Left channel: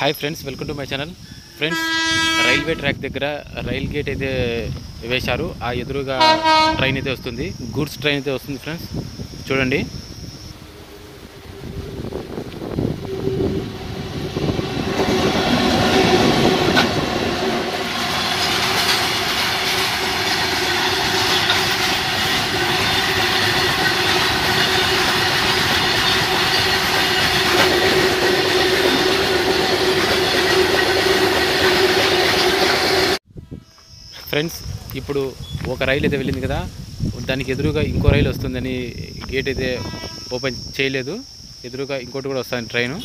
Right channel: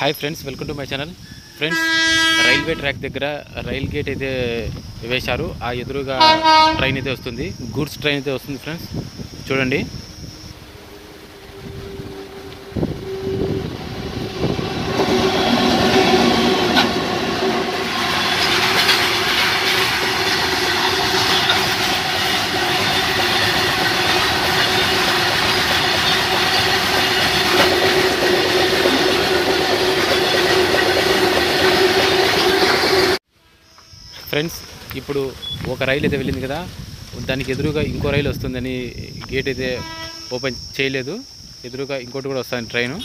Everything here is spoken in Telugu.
Hi friends, welcome to my channel. Friends, railway track దగ్గర రైల్ గేట్ అయితే వేశారు. ఆ ఎదురుగా ట్రైన్ అయితే వస్తుంది, గూడ్స్ ట్రైన్ అయితే వస్తుంది. ఫ్రెండ్స్ చూడండి. ఫ్రెండ్స్, ఇప్పుడు ఒక రైలు అయితే వెళ్ళింది కదా, దానికి ఎదురుగా ఇంకో రైలు వస్తుందని గేట్ అయితే ఓపెన్ చేయలేదు. ఎదురుగా ఇంకోటి కూడా వస్తుంది ట్రైను.